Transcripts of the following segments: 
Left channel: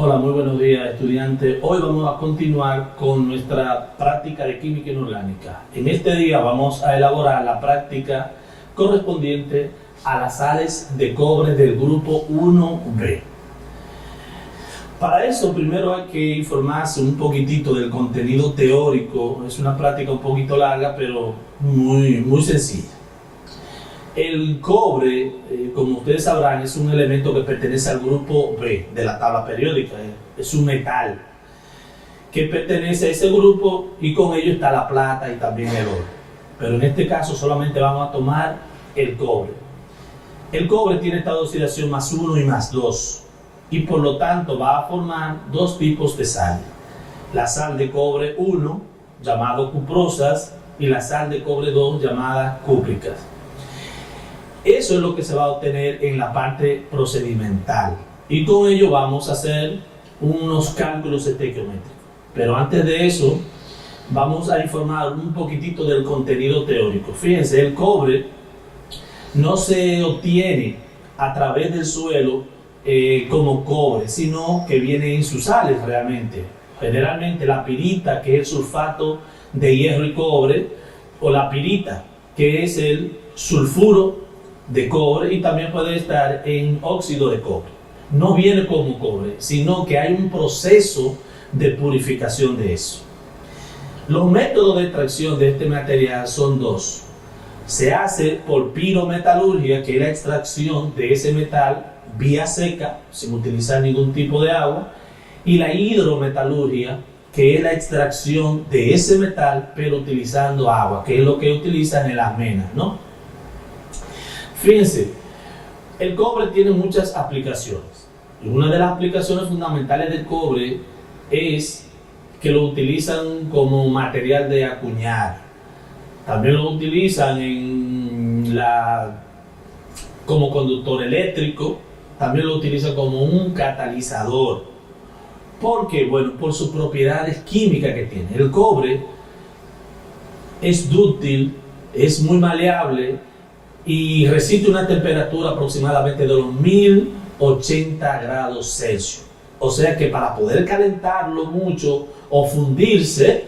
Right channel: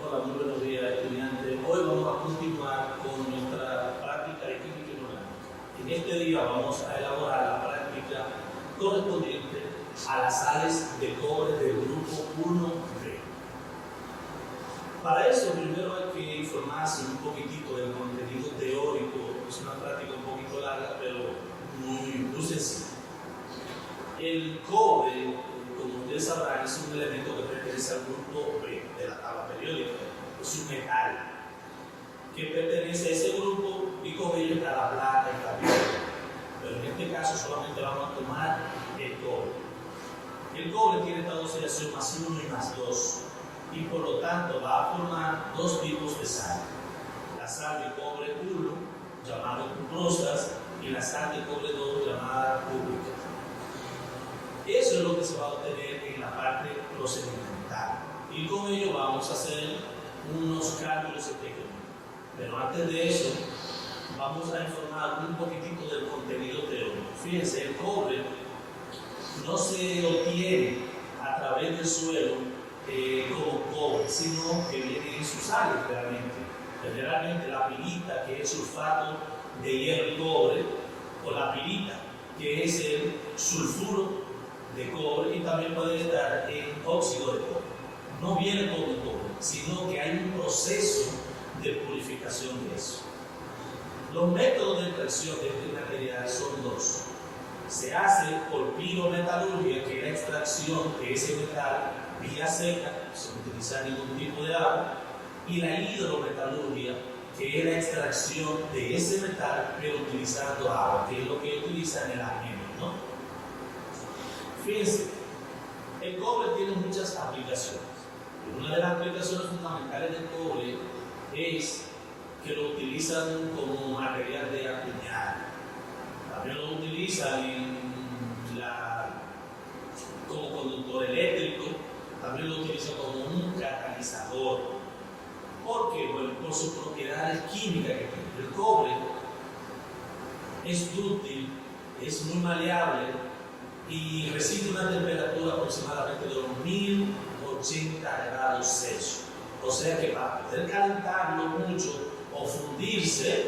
Hola, muy buenos días, estudiantes. Hoy vamos a continuar con nuestra práctica de química inorgánica. En este día vamos a elaborar la práctica correspondiente a las sales de cobre del grupo 1B. Para eso primero hay que informarse un poquitito del contenido teórico. Es una práctica un poquito larga, pero muy sencilla. El cobre, como ustedes sabrán, es un elemento que pertenece al grupo B de la tabla periódica. Es un metal que pertenece a ese grupo y con ello está la plata y también el oro. Pero en este caso solamente vamos a tomar el cobre. El cobre tiene estado de oxidación +1 y +2 y por lo tanto va a formar dos tipos de sal. La sal de cobre 1, llamada cuprosas, y la sal de cobre 2, llamada cúpricas. Eso es lo que se va a obtener en la parte procedimental y con ello vamos a hacer unos cálculos estequiométricos. Pero antes de eso vamos a informar un poquitito del contenido teórico. Fíjense, el cobre no se obtiene a través del suelo como cobre, sino que viene en sus sales realmente. Generalmente la pirita, que es el sulfato de hierro y cobre, o la pirita, que es el sulfuro de cobre, y también puede estar en óxido de cobre. No viene como cobre, sino que hay un proceso de purificación de eso. Los métodos de extracción de este material son dos. Se hace por pirometalurgia, que es la extracción de ese metal vía seca, sin utilizar ningún tipo de agua, y la hidrometalurgia, que es la extracción de ese metal, pero utilizando agua, que es lo que utilizan en las menas, ¿no? Fíjense, el cobre tiene muchas aplicaciones. Y una de las aplicaciones fundamentales del cobre es que lo utilizan como material de acuñar. También lo utilizan como conductor eléctrico, también lo utilizan como un catalizador. ¿Por qué? Bueno, por sus propiedades químicas que tiene. El cobre es dúctil, es muy maleable y resiste una temperatura aproximadamente de los 1080 grados Celsius. O sea que para poder calentarlo mucho o fundirse,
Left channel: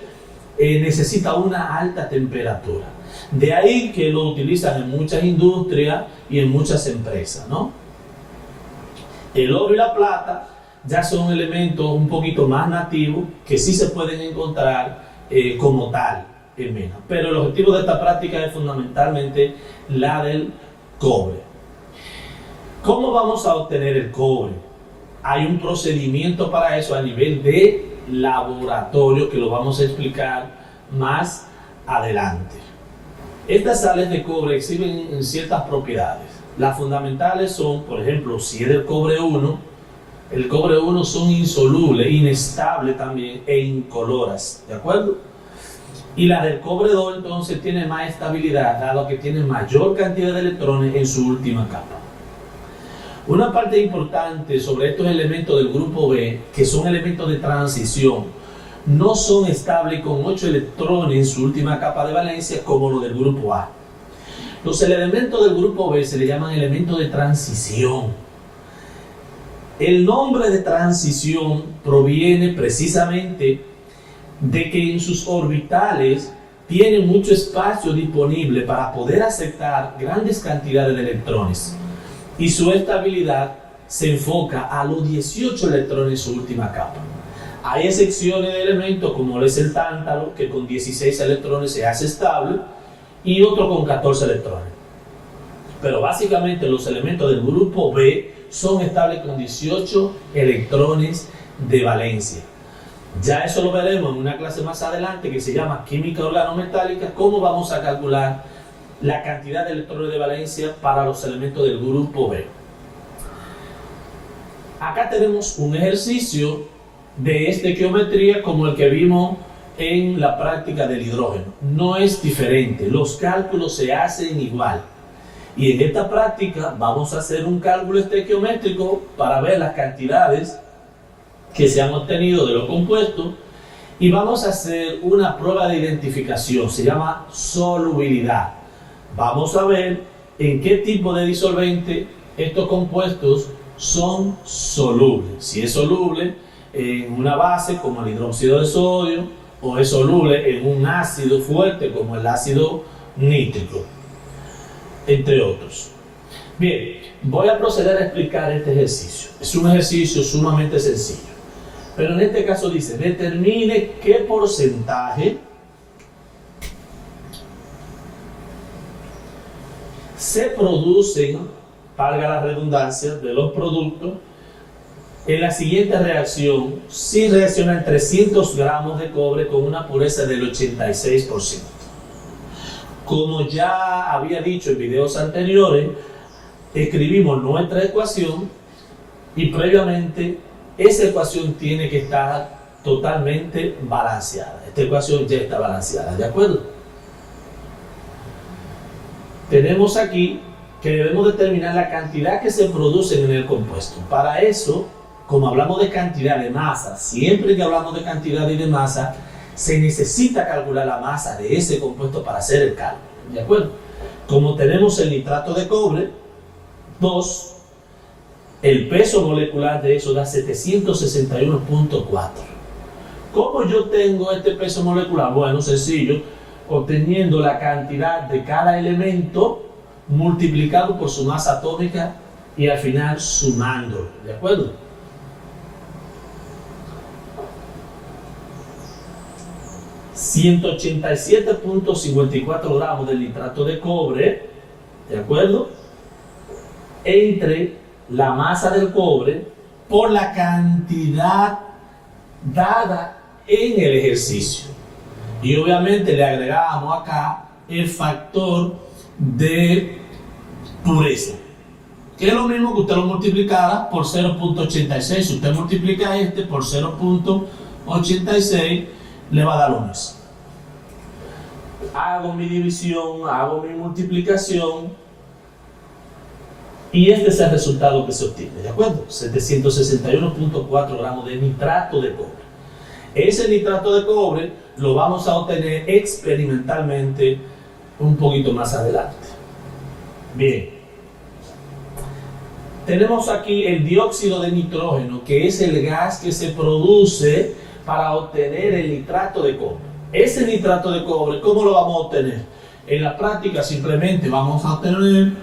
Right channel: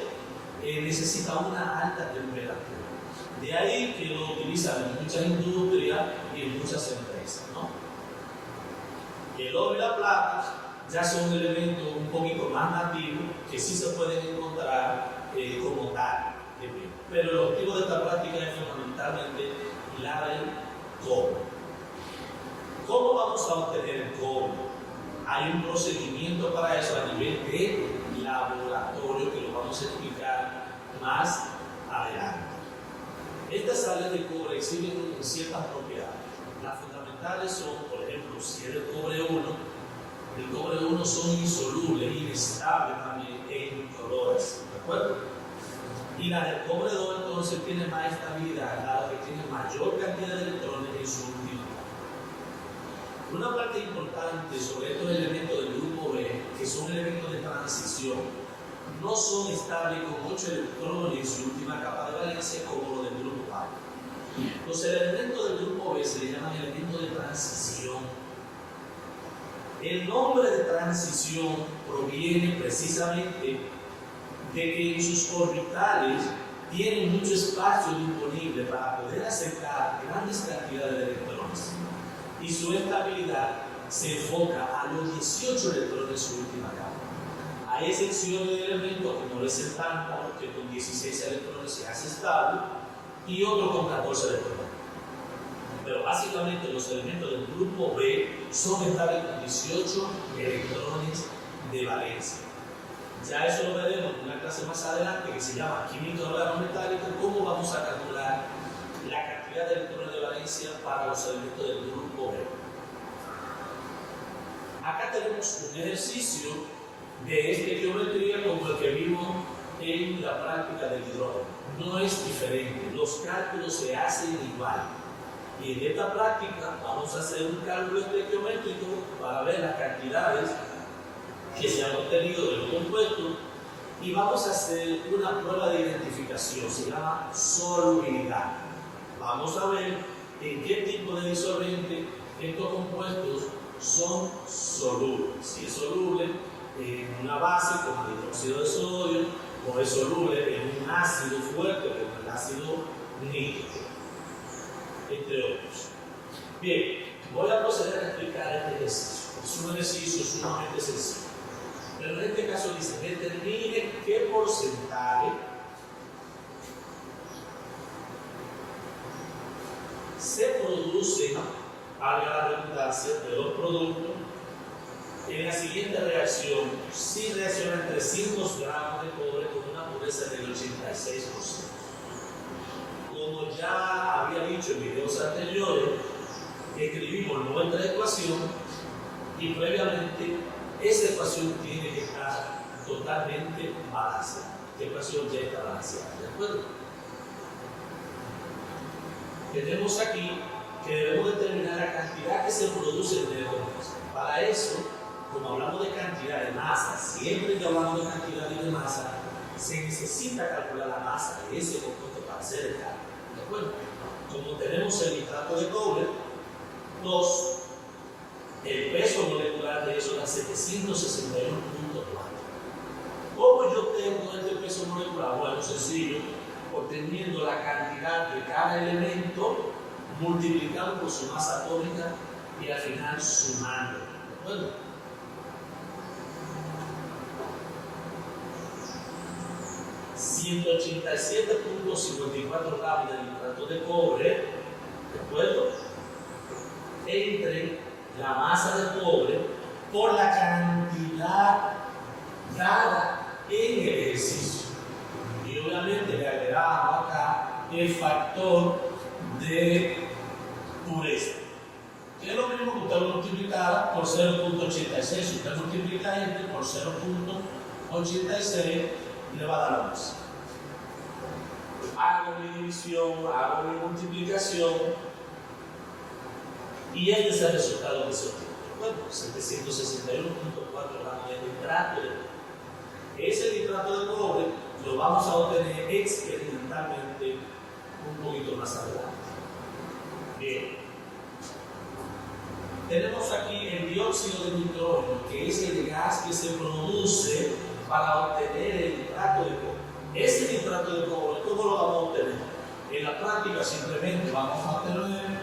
necesita una alta temperatura. De ahí que lo utilizan en muchas industrias y en muchas empresas, ¿no? El oro y la plata ya son elementos un poquito más nativos que sí se pueden encontrar como tal en menos. Pero el objetivo de esta práctica es fundamentalmente la del cobre. ¿Cómo vamos a obtener el cobre? Hay un procedimiento para eso a nivel de laboratorio que lo vamos a explicar más adelante. Estas sales de cobre exhiben ciertas propiedades. Las fundamentales son, por ejemplo, si es del cobre 1, el cobre 1 son insolubles, inestables también e incoloras, ¿de acuerdo? Y la del cobre 2 entonces tiene más estabilidad, dado que tiene mayor cantidad de electrones en su última capa. Una parte importante sobre estos elementos del grupo B, que son elementos de transición, no son estables con 8 electrones en su última capa de valencia como los del grupo A. Los elementos del grupo B se le llaman elementos de transición. El nombre de transición proviene precisamente de que en sus orbitales tienen mucho espacio disponible para poder aceptar grandes cantidades de electrones y su estabilidad se enfoca a los 18 electrones en su última capa. Hay excepciones de elementos como es el tántalo, que con 16 electrones se hace estable, y otro con 14 electrones. Pero básicamente los elementos del grupo B son estables con 18 electrones de valencia. Ya eso lo veremos en una clase más adelante que se llama química organometálica, cómo vamos a calcular la cantidad de electrones de valencia para los elementos del grupo B. Acá tenemos un ejercicio de estequiometría como el que vimos en la práctica del hidrógeno. No es diferente, los cálculos se hacen igual. Y en esta práctica vamos a hacer un cálculo estequiométrico para ver las cantidades que se han obtenido de los compuestos y vamos a hacer una prueba de identificación, se llama solubilidad. Vamos a ver en qué tipo de disolvente estos compuestos son solubles. Si es soluble en una base como el hidróxido de sodio, o es soluble en un ácido fuerte como el ácido nítrico, entre otros. Bien, voy a proceder a explicar este ejercicio. Es un ejercicio sumamente sencillo, pero en este caso dice, determine qué porcentaje se producen, valga la redundancia, de los productos en la siguiente reacción si reaccionan 300 gramos de cobre con una pureza del 86%. Como ya había dicho en videos anteriores, escribimos nuestra ecuación y previamente esa ecuación tiene que estar totalmente balanceada. Esta ecuación ya está balanceada, ¿de acuerdo? Tenemos aquí que debemos determinar la cantidad que se produce en el compuesto. Para eso, como hablamos de cantidad de masa, siempre que hablamos de cantidad y de masa, se necesita calcular la masa de ese compuesto para hacer el cálculo, ¿de acuerdo? Como tenemos el nitrato de cobre, 2, el peso molecular de eso da 761.4. ¿Cómo yo tengo este peso molecular? Bueno, sencillo, obteniendo la cantidad de cada elemento multiplicado por su masa atómica y al final sumándolo, ¿de acuerdo? ...187.54 gramos de nitrato de cobre, ¿de acuerdo?, entre la masa del cobre por la cantidad dada en el ejercicio. Y obviamente le agregamos acá el factor de pureza, que es lo mismo que usted lo multiplicara por 0.86. Si usted multiplica este por 0.86, le va a dar lo mismo. Hago mi división, hago mi multiplicación y este es el resultado que se obtiene, ¿de acuerdo? 761.4 gramos de nitrato de cobre. Ese nitrato de cobre lo vamos a obtener experimentalmente un poquito más adelante. Bien. Tenemos aquí el dióxido de nitrógeno, que es el gas que se produce para obtener el nitrato de cobre. Ese nitrato de cobre, ¿cómo lo vamos a obtener? En la práctica simplemente vamos a obtener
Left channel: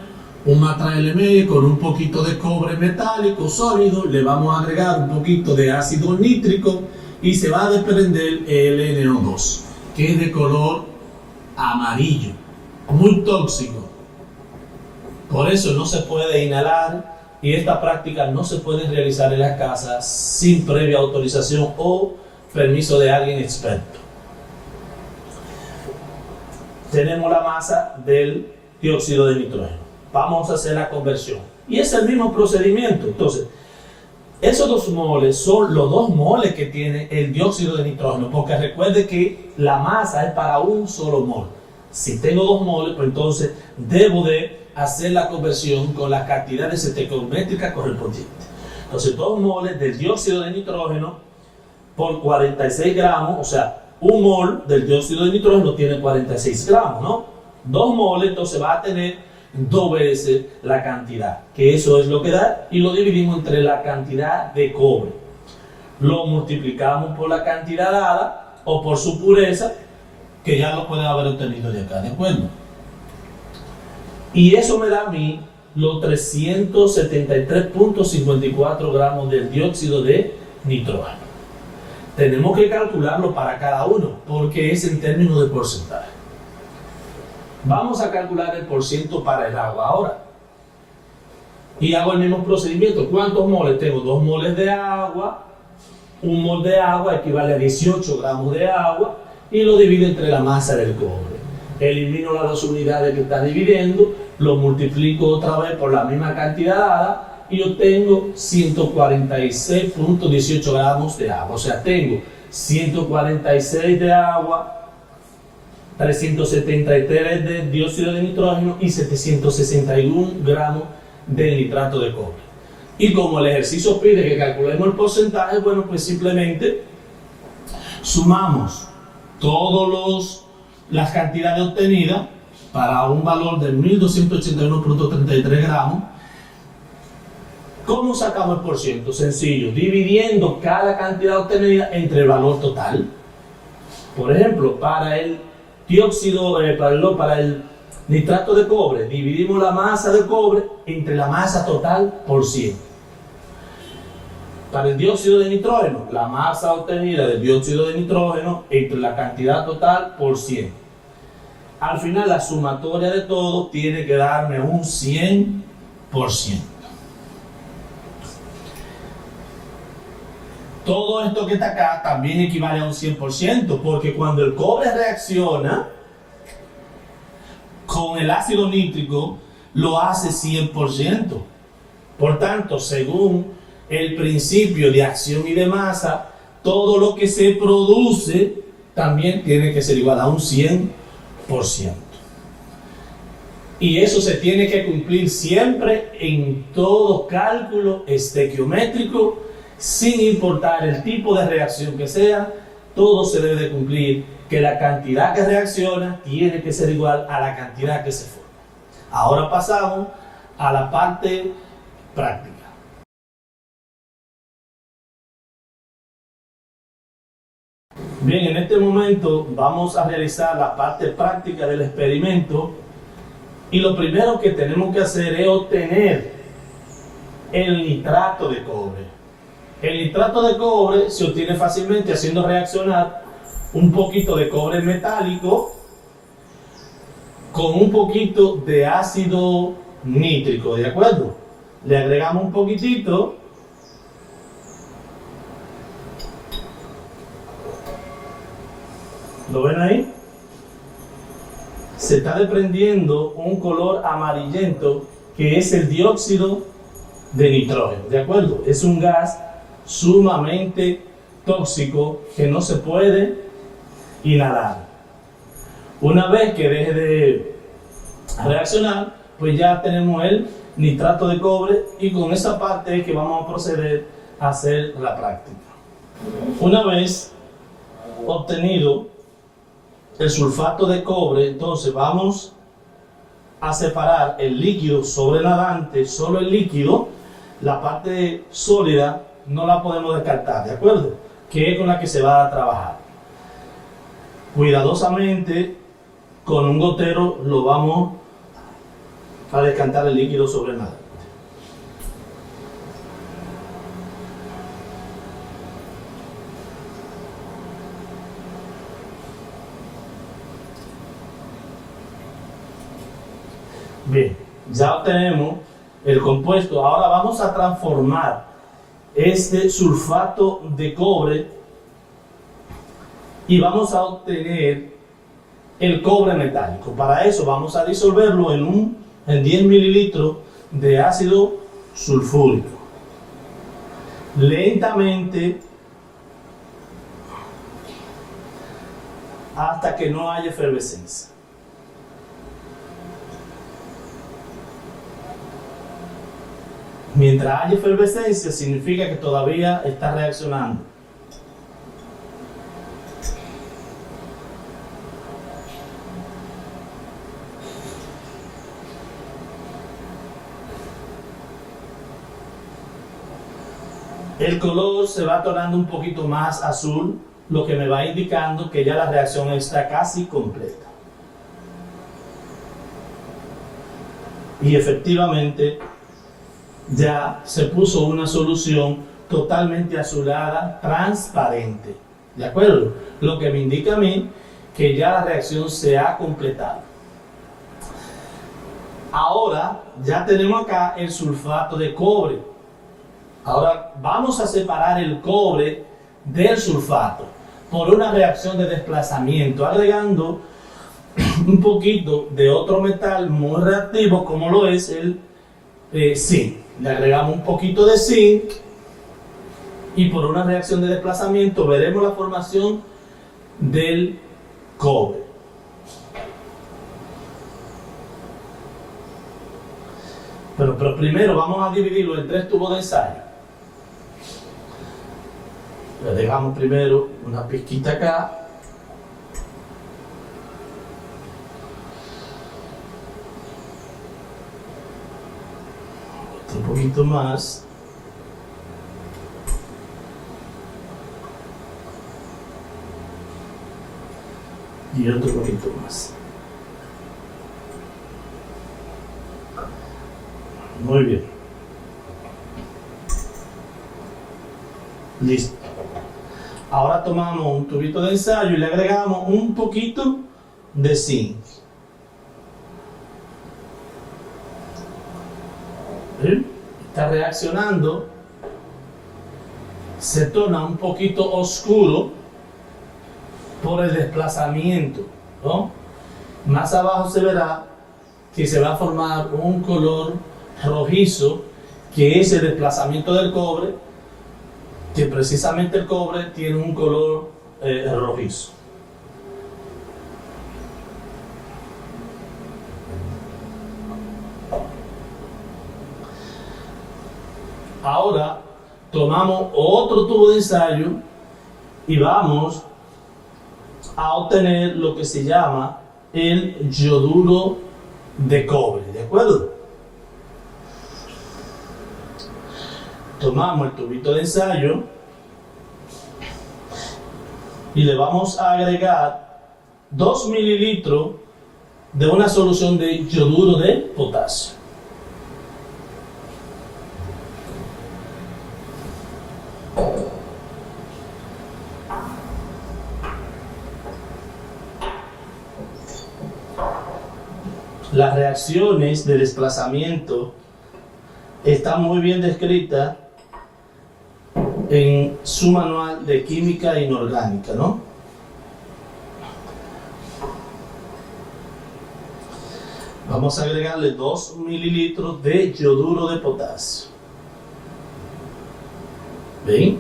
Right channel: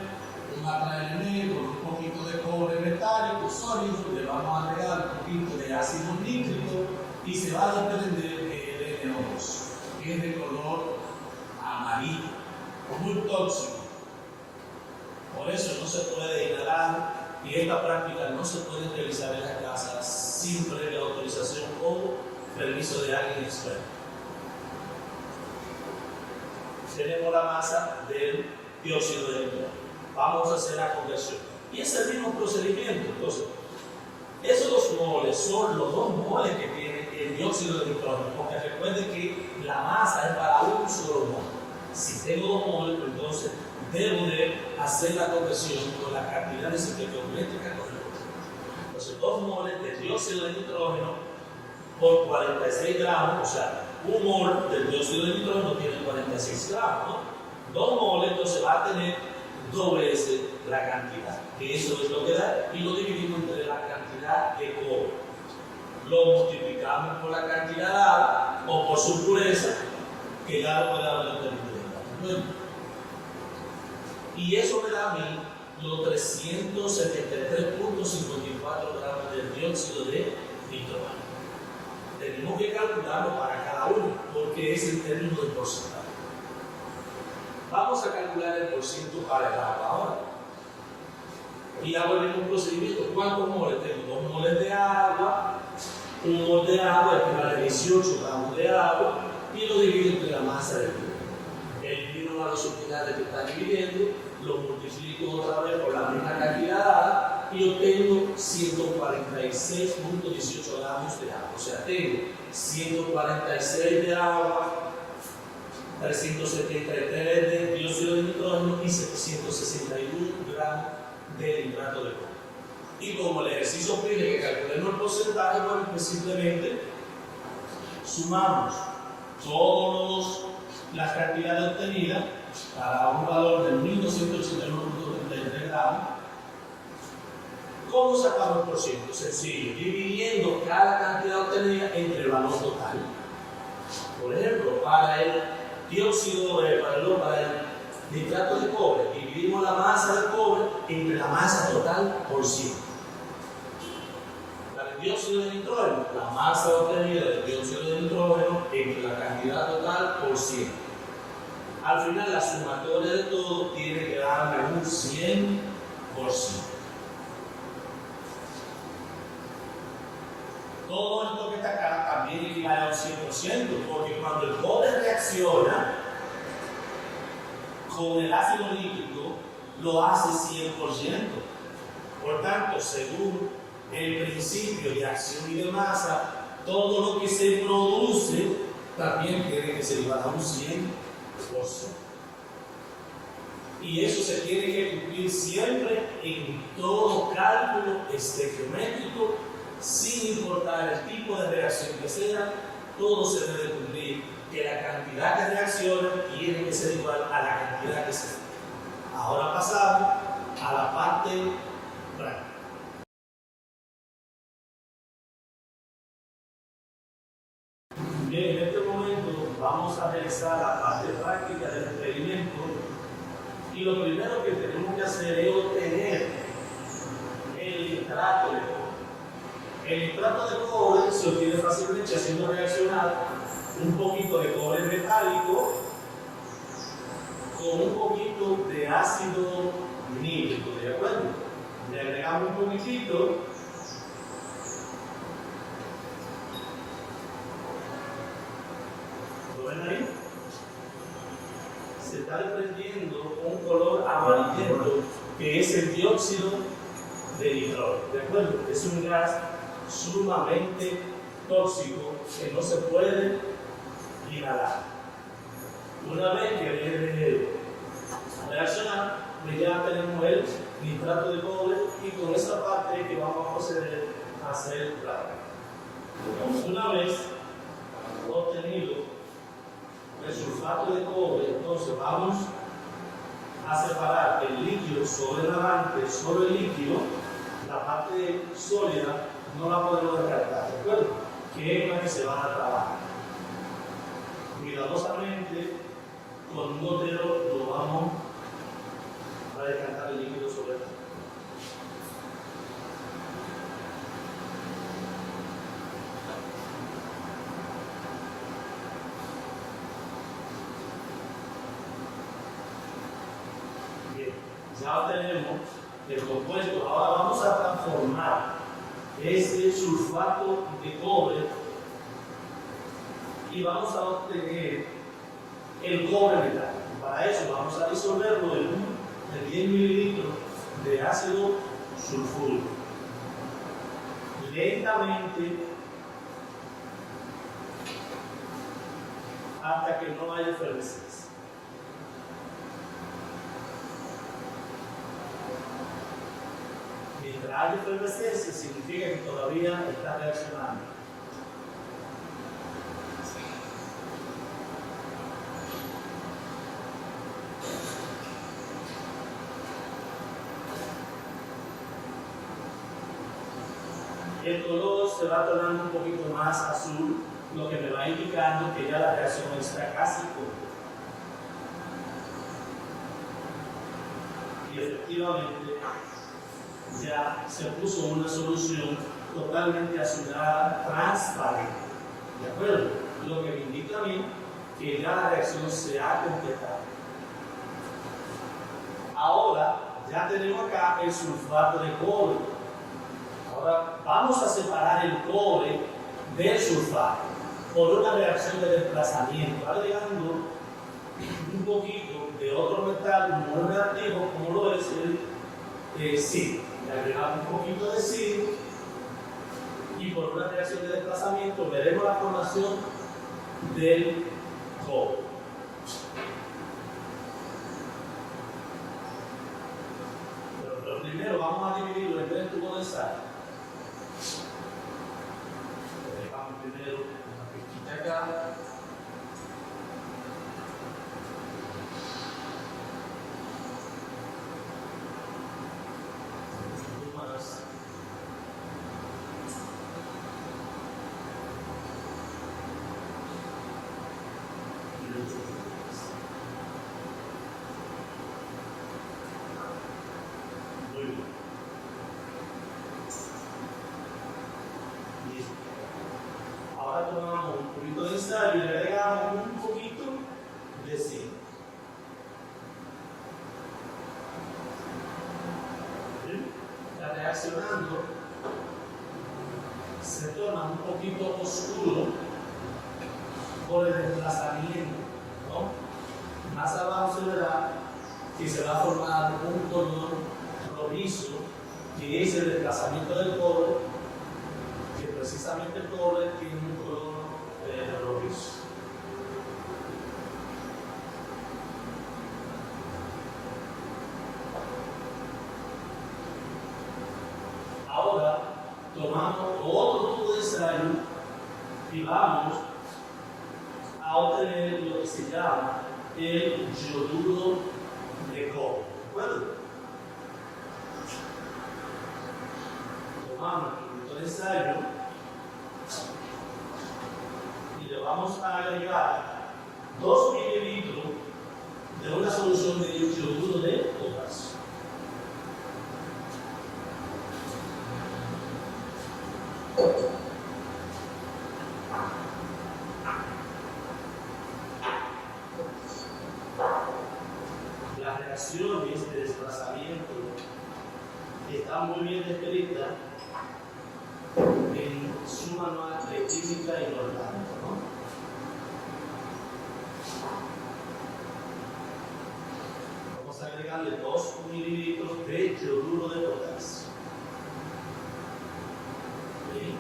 un LME con un poquito de cobre metálico sólido, le vamos a agregar un poquito de ácido nítrico y se va a desprender el NO2, que es de color amarillo, muy tóxico. Por eso no se puede inhalar y esta práctica no se puede realizar en las casas sin previa autorización o permiso de alguien experto. Tenemos la masa del dióxido de nitrógeno. Vamos a hacer la conversión. Y es el mismo procedimiento. Entonces, esos 2 moles son los 2 moles que tiene el dióxido de nitrógeno, porque recuerde que la masa es para un solo mol. Si tengo 2 moles, pues entonces debo de hacer la conversión con la cantidad de estequiométrica correspondiente. Entonces, 2 moles del dióxido de nitrógeno por 46 gramos, o sea, 1 mol del dióxido de nitrógeno tiene 46 gramos, ¿no? 2 moles, entonces va a tener 2 veces la cantidad, que eso es lo que da, y lo dividimos entre la cantidad de cobre. Lo multiplicamos por la cantidad dada o por su pureza, que ya lo pueden haber obtenido de acá, ¿de acuerdo? Y eso me da a mí los 373.54 gramos del dióxido de nitrógeno. Tenemos que calcularlo para cada uno, porque es en términos de porcentaje. Vamos a calcular el porciento para el agua ahora. Y hago el mismo procedimiento. ¿Cuántos moles tengo? 2 moles de agua. 1 mol de agua equivale a 18 gramos de agua. Y lo divido entre la masa del cobre. Elimino las 2 unidades que está dividiendo. Lo multiplico otra vez por la misma cantidad dada. Y obtengo 146.18 gramos de agua. O sea, tengo 146 de agua, 373 de dióxido de nitrógeno y 761 gramos de nitrato de cobre. Y como el ejercicio pide que calculemos el porcentaje, bueno, pues simplemente sumamos todas las cantidades obtenidas para un valor de 1281.33 gramos ¿Cómo sacamos el por ciento? Sencillo, dividiendo cada cantidad obtenida entre el valor total. Por ejemplo, para el para el nitrato de cobre, dividimos la masa de cobre entre la masa total por 100. Para el dióxido de nitrógeno, la masa obtenida del dióxido de nitrógeno entre la cantidad total por 100. Al final, la sumatoria de todo tiene que darme un 100%. Todo esto que está acá también equivale a un 100%, porque cuando el cobre reacciona con el ácido nítrico, lo hace 100%. Por tanto, según el principio de acción y de masa, todo lo que se produce también tiene que ser igual a un 100%. Y eso se tiene que cumplir siempre en todo cálculo estequiométrico, sin importar el tipo de reacción que sea. Todo se debe de cumplir, que la cantidad que reacciona tiene que ser igual a la cantidad que se forma. Ahora pasamos a la parte práctica. Bien, en este momento vamos a realizar la parte práctica del experimento, y lo primero que tenemos que hacer es obtener el nitrato de cobre. El nitrato de cobre se obtiene fácilmente haciendo reaccionar un poquito de cobre metálico con un poquito de ácido nítrico, ¿de acuerdo? Le agregamos un poquitito. ¿Lo ven ahí? Se está desprendiendo un color amarillento que es el dióxido de nitrógeno, ¿de acuerdo? Es un gas sumamente tóxico que no se puede inhalar. Una vez que deje de reaccionar, pues ya tenemos el nitrato de cobre, y con esa parte es que vamos a proceder a hacer la práctica. Una vez obtenido el sulfato de cobre, entonces vamos a separar el líquido sobrenadante, solo el líquido. La parte sólida no la podemos descartar, ¿de acuerdo? Que es con la que se va a trabajar. Cuidadosamente, con un gotero lo vamos a decantar el líquido sobrenadante. Bien, ya obtenemos el compuesto. Ahora vamos a transformar este sulfato de cobre y vamos a obtener el cobre metálico. Para eso vamos a disolverlo en 10 mililitros de ácido sulfúrico. Lentamente, hasta que no haya efervescencia. Mientras haya efervescencia, significa que todavía está reaccionando. El color se va tornando un poquito más azul, lo que me va indicando que ya la reacción está casi completa. Y efectivamente, ya se puso una solución totalmente azulada, transparente, ¿de acuerdo? Lo que me indica a mí que ya la reacción se ha completado. Ahora ya tenemos acá el sulfato de cobre. Ahora vamos a separar el cobre del sulfato por una reacción de desplazamiento, agregando un poquito de otro metal muy reactivo, como lo es el zinc. Le agregamos un poquito de zinc, y por una reacción de desplazamiento veremos la formación del cobre. Pero primero vamos a dividirlo en 3 tubos de ensayo. Le dejamos primero una pizquita acá. Un poquito más. Y otro poquito más. Muy bien. Listo. Ahora tomamos un tubito de ensayo y le agregamos un poquito de zinc. ¿Sí? Está reaccionando, se torna un poquito oscuro por el desplazamiento, ¿no? Más abajo se verá que se va a formar un color rojizo, que es el desplazamiento del cobre, que precisamente el cobre tiene un color rojizo. Ahora tomamos otro tubo de ensayo y vamos a obtener lo que se llama el yoduro de cobre, ¿de acuerdo? Tomamos el tubito de ensayo y le vamos a agregar 2 mililitros de una solución de yoduro de potasio. Las reacciones de desplazamiento están muy bien descritas en su manual de química inorgánica, ¿no? Vamos a agregarle 2 mililitros de yoduro de potasio. ¿Ven?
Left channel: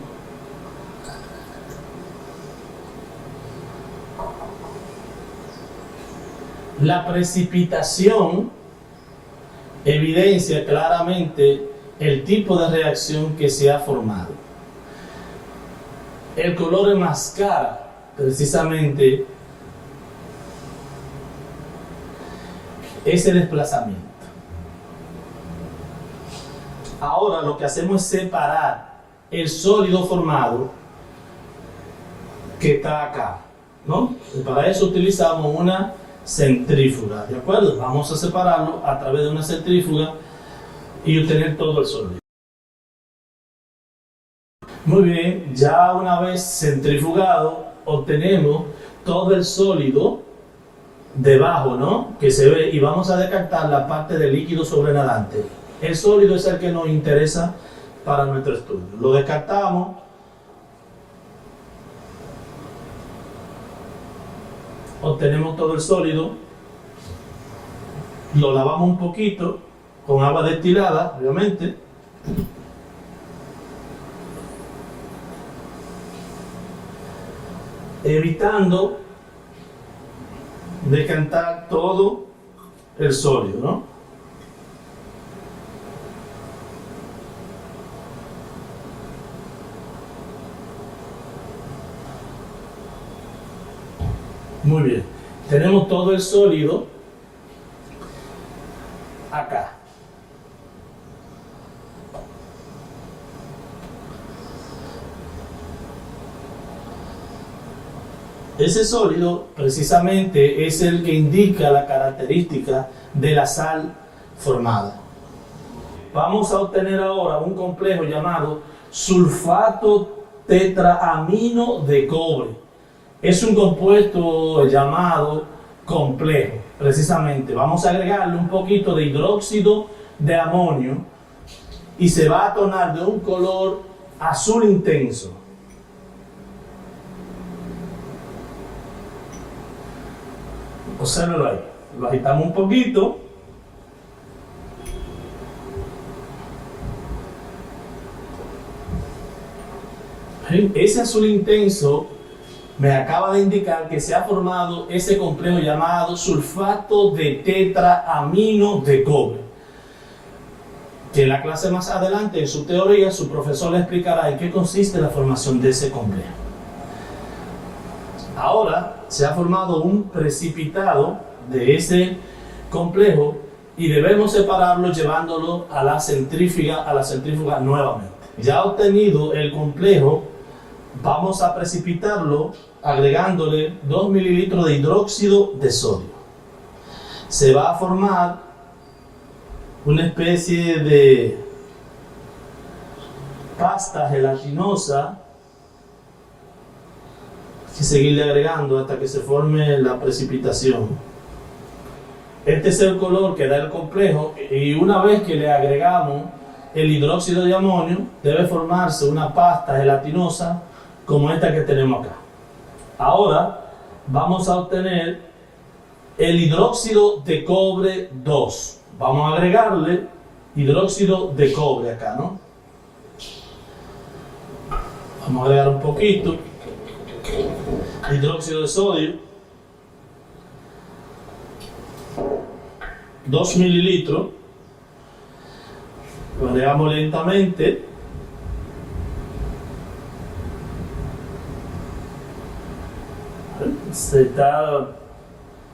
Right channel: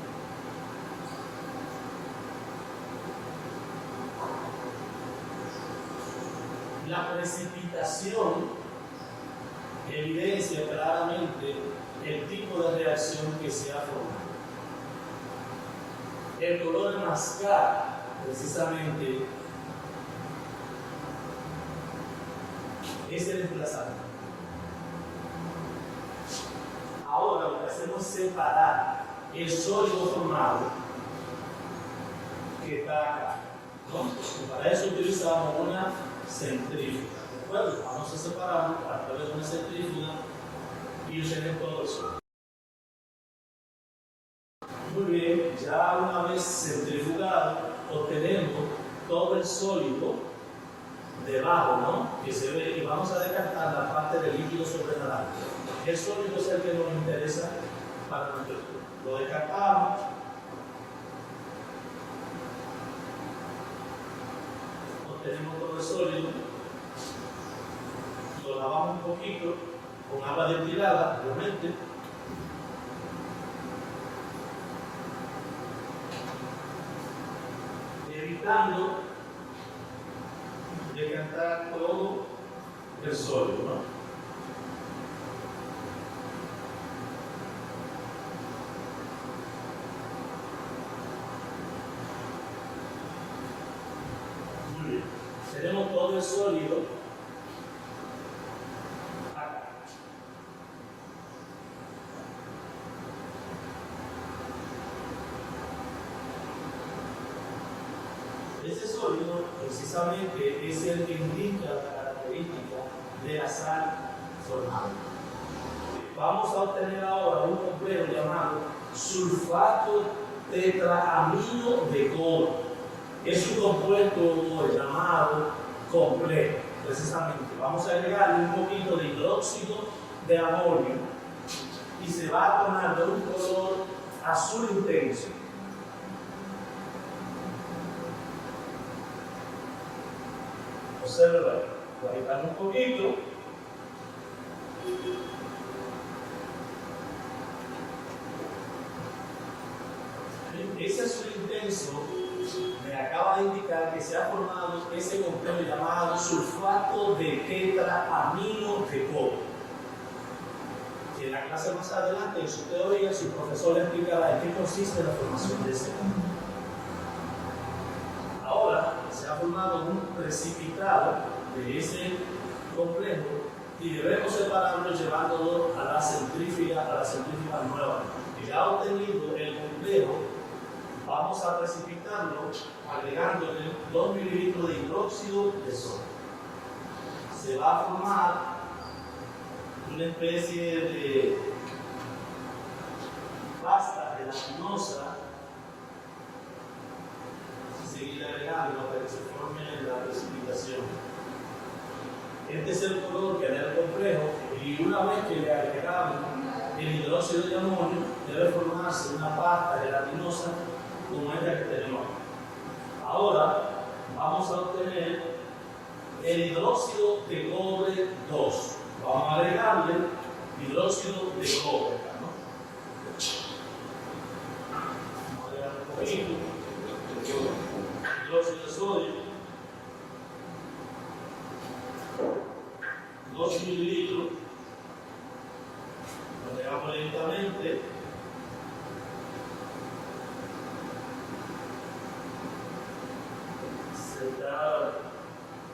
La precipitación evidencia claramente el tipo de reacción que se ha formado. El color enmascara precisamente ese desplazamiento. Ahora lo que hacemos es separar el sólido formado que está acá, ¿no? Y para eso utilizamos una centrífuga, ¿de acuerdo? Vamos a separarlo a través de una centrífuga y obtener todo el sólido. Muy bien, ya una vez centrifugado, obtenemos todo el sólido debajo, ¿no? Que se ve, y vamos a descartar la parte del líquido sobrenadante. El sólido es el que nos interesa para nuestro estudio. Lo descartamos. Obtenemos todo el sólido, lo lavamos un poquito con agua destilada, obviamente, evitando decantar todo el sólido, ¿no? Muy bien, tenemos todo el sólido acá. Ese sólido precisamente es el que indica la característica de la sal formada. Vamos a obtener ahora un complejo llamado sulfato tetraamino de cobre. Es un compuesto llamado complejo, precisamente. Vamos a agregarle un poquito de hidróxido de amonio y se va a tornar de un color azul intenso. Obsérvalo ahí. Lo agitamos un poquito. Ese azul intenso me acaba de indicar que se ha formado ese complejo llamado sulfato de tetraamino de cobre. Que en la clase más adelante, en su teoría, su profesor le explicará en qué consiste la formación de ese complejo. Ahora se ha formado un precipitado de ese complejo y debemos separarlo llevándolo a la centrífuga nuevamente. Ya obtenido el complejo vamos a precipitarlo agregándole 2 mililitros de hidróxido de sodio. Se va a formar una especie de pasta gelatinosa y seguirle agregando hasta que se forme la precipitación. Este es el color que da el complejo, y una vez que le agregamos el hidróxido de amonio, debe formarse una pasta gelatinosa como esta que tenemos acá. Ahora vamos a obtener el hidróxido de cobre 2. Vamos a agregarle hidróxido de cobre acá, ¿no? Vamos a agregar un poquito hidróxido de sodio, 2 mililitros. Lo agregamos lentamente. Se está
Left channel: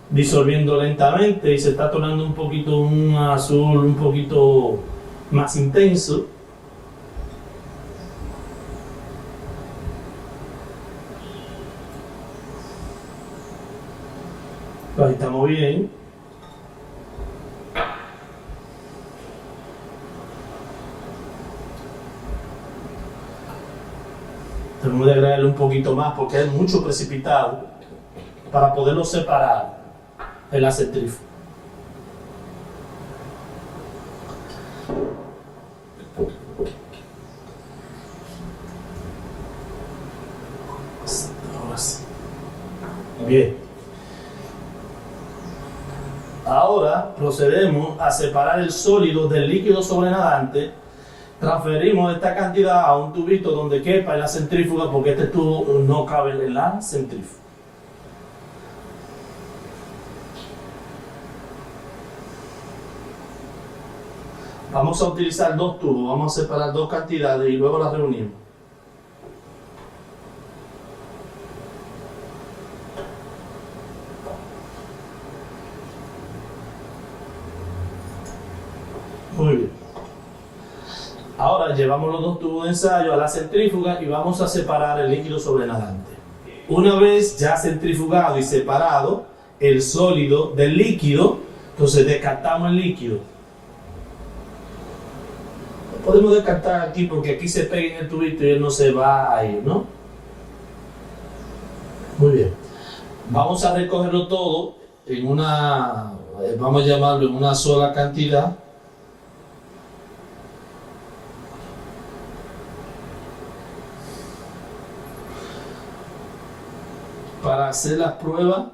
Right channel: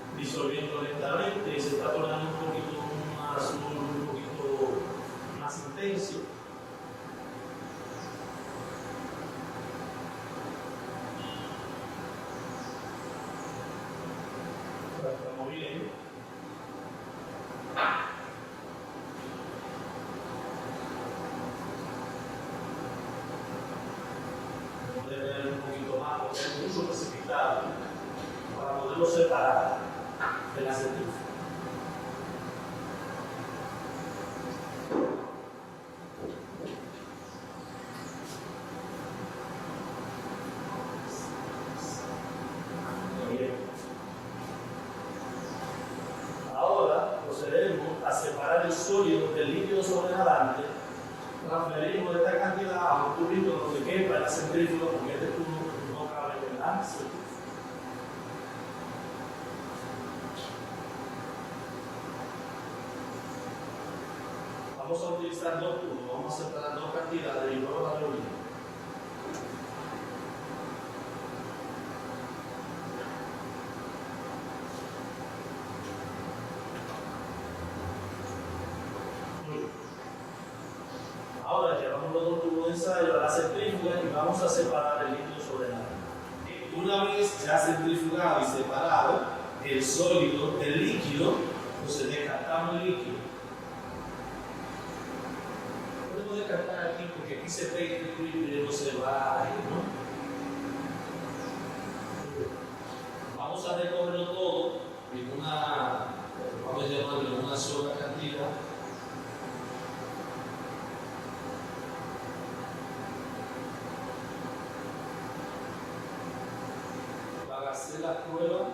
disolviendo lentamente y se está tornando un poquito un azul un poquito más intenso. Ahí estamos bien. Tenemos que agregarle un poquito más porque hay mucho precipitado para poderlo separar en la centrífuga. Ahora sí. Bien. Ahora procedemos a separar el sólido del líquido sobrenadante. Transferimos esta cantidad a un tubito donde quepa en la centrífuga, porque este tubo no cabe en la centrífuga. Vamos a utilizar 2 tubos, vamos a separar 2 cantidades y luego las reunimos. Muy bien. Ahora llevamos los 2 tubos de ensayo a la centrífuga y vamos a separar el líquido sobrenadante. Una vez ya centrifugado y separado el sólido del líquido, entonces descartamos el líquido. Podemos descartar aquí porque aquí se pega en el tubito y él no se va a ir, ¿no? Muy bien. Vamos a recogerlo todo en una, vamos a llamarlo en una sola cantidad. Para hacer la prueba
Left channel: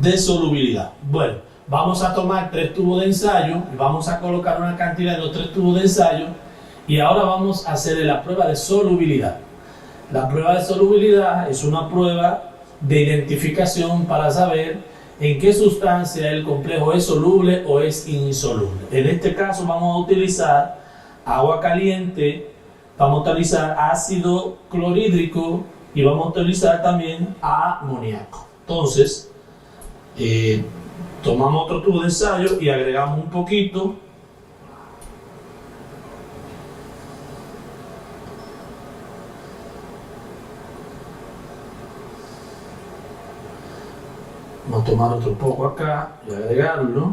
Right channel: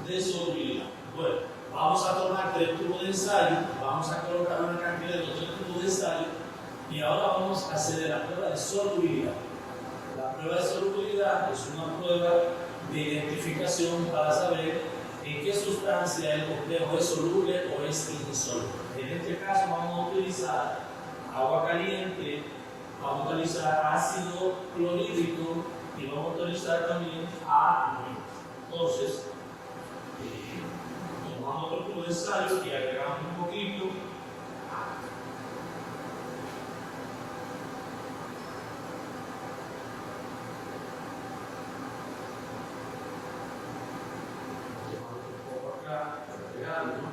de solubilidad. Bueno, vamos a tomar 3 tubos de ensayo, vamos a colocar una cantidad de los 3 tubos de ensayo y ahora vamos a hacer la prueba de solubilidad. La prueba de solubilidad es una prueba de identificación para saber en qué sustancia el complejo es soluble o es insoluble. En este caso vamos a utilizar agua caliente, vamos a utilizar ácido clorhídrico y vamos a utilizar también amoníaco. Entonces, tomamos otro tubo de ensayo y agregamos un poquito. Vamos a tomar otro poco acá y agregarlo.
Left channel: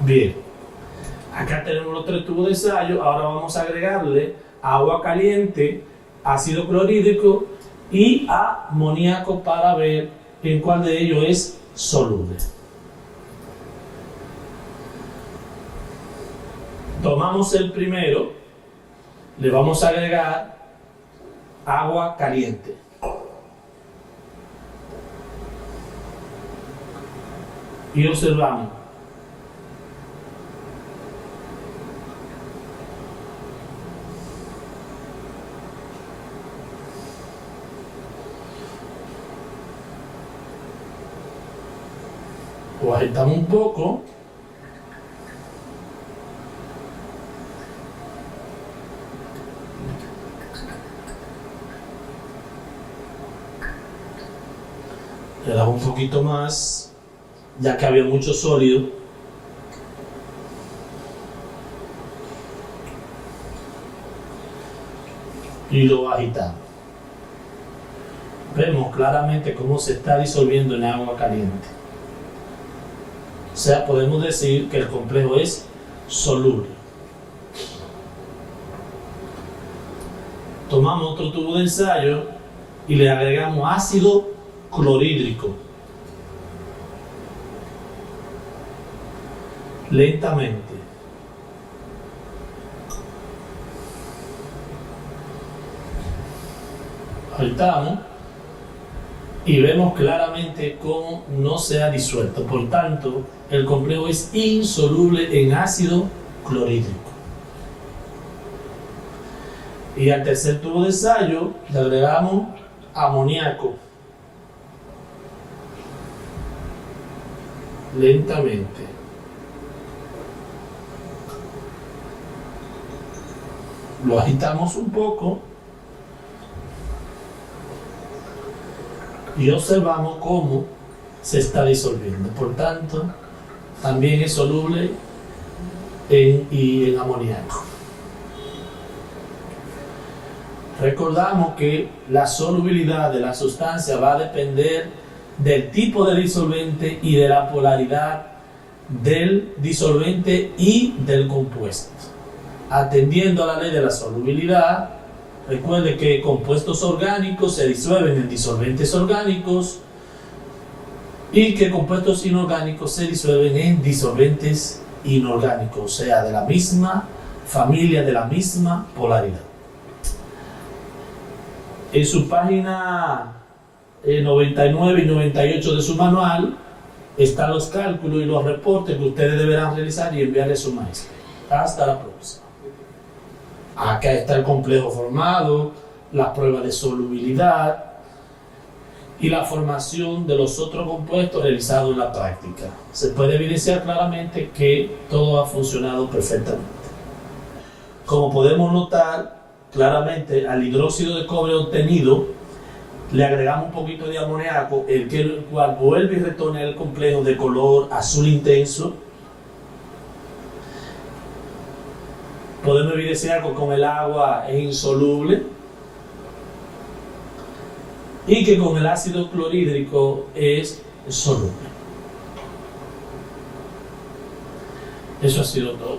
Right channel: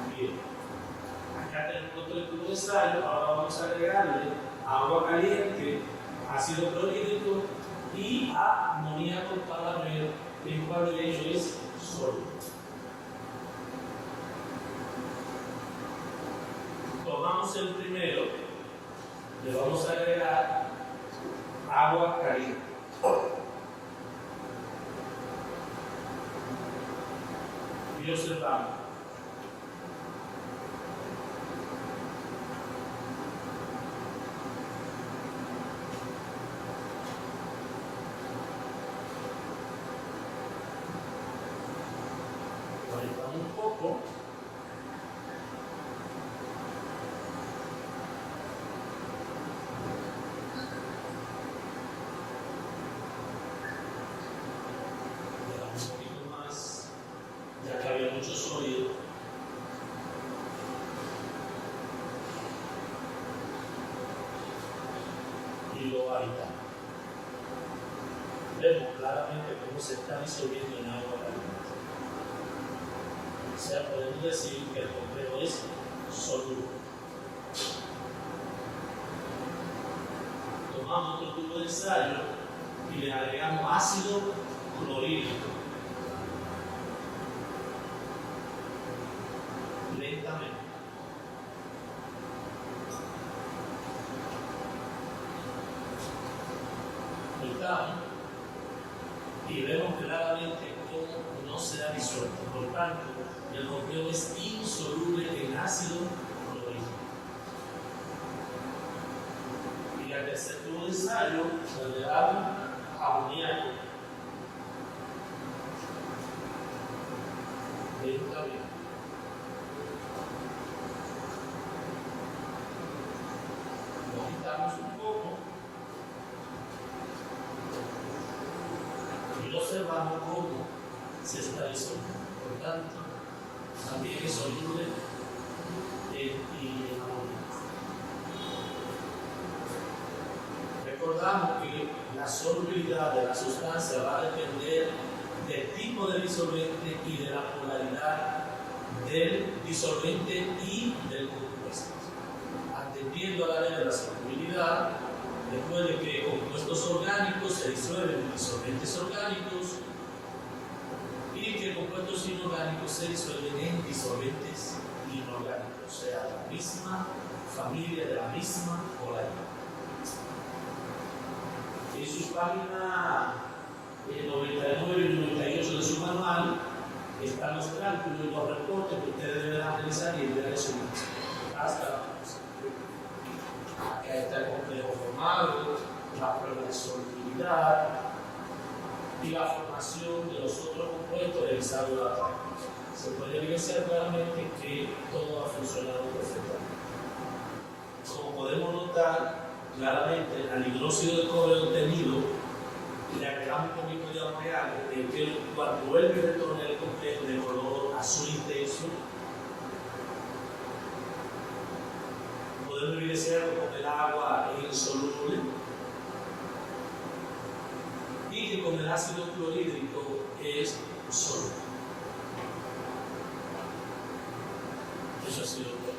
Bien, acá tenemos los 3 tubos de ensayo. Ahora vamos a agregarle agua caliente, ácido clorhídrico y amoníaco para ver en cuál de ellos es soluble. Tomamos el primero, le vamos a agregar agua caliente. Y observamos. Lo agitamos un poco. Le damos un poquito más, ya que había mucho sólido. Y lo agitamos. Vemos claramente cómo se está disolviendo en agua caliente. O sea, podemos decir que el complejo es soluble. Tomamos otro tubo de ensayo y le agregamos ácido clorhídrico. Lentamente. Agitamos y vemos claramente cómo no se ha disuelto. Por tanto, el complejo es insoluble en ácido clorhídrico. Y al tercer tubo de ensayo le agregamos amoníaco. Lentamente. Lo agitamos un poco y observamos cómo se está disolviendo. Por tanto, también es soluble en amoníaco. Recordamos que la solubilidad de la sustancia va a depender del tipo de disolvente y de la polaridad del disolvente y del compuesto. Atendiendo a la ley de la solubilidad, recuerde que compuestos orgánicos se disuelven en disolventes orgánicos y que compuestos inorgánicos se disuelven en disolventes inorgánicos, o sea, de la misma familia, de la misma polaridad. En su página 99 y 98 de su manual están los cálculos y los reportes que ustedes deberán realizar y enviar a su maestro. Hasta la próxima. Acá está el complejo formado, las pruebas de solubilidad y la formación de los otros compuestos realizados en la práctica. Se puede evidenciar claramente que todo ha funcionado perfectamente. Como podemos notar, claramente al hidróxido de cobre obtenido le agregamos un poquito de amoníaco, el cual vuelve y retorna el complejo de color azul intenso. Podemos evidenciar que con el agua es insoluble y que con el ácido clorhídrico es soluble. Eso ha sido todo.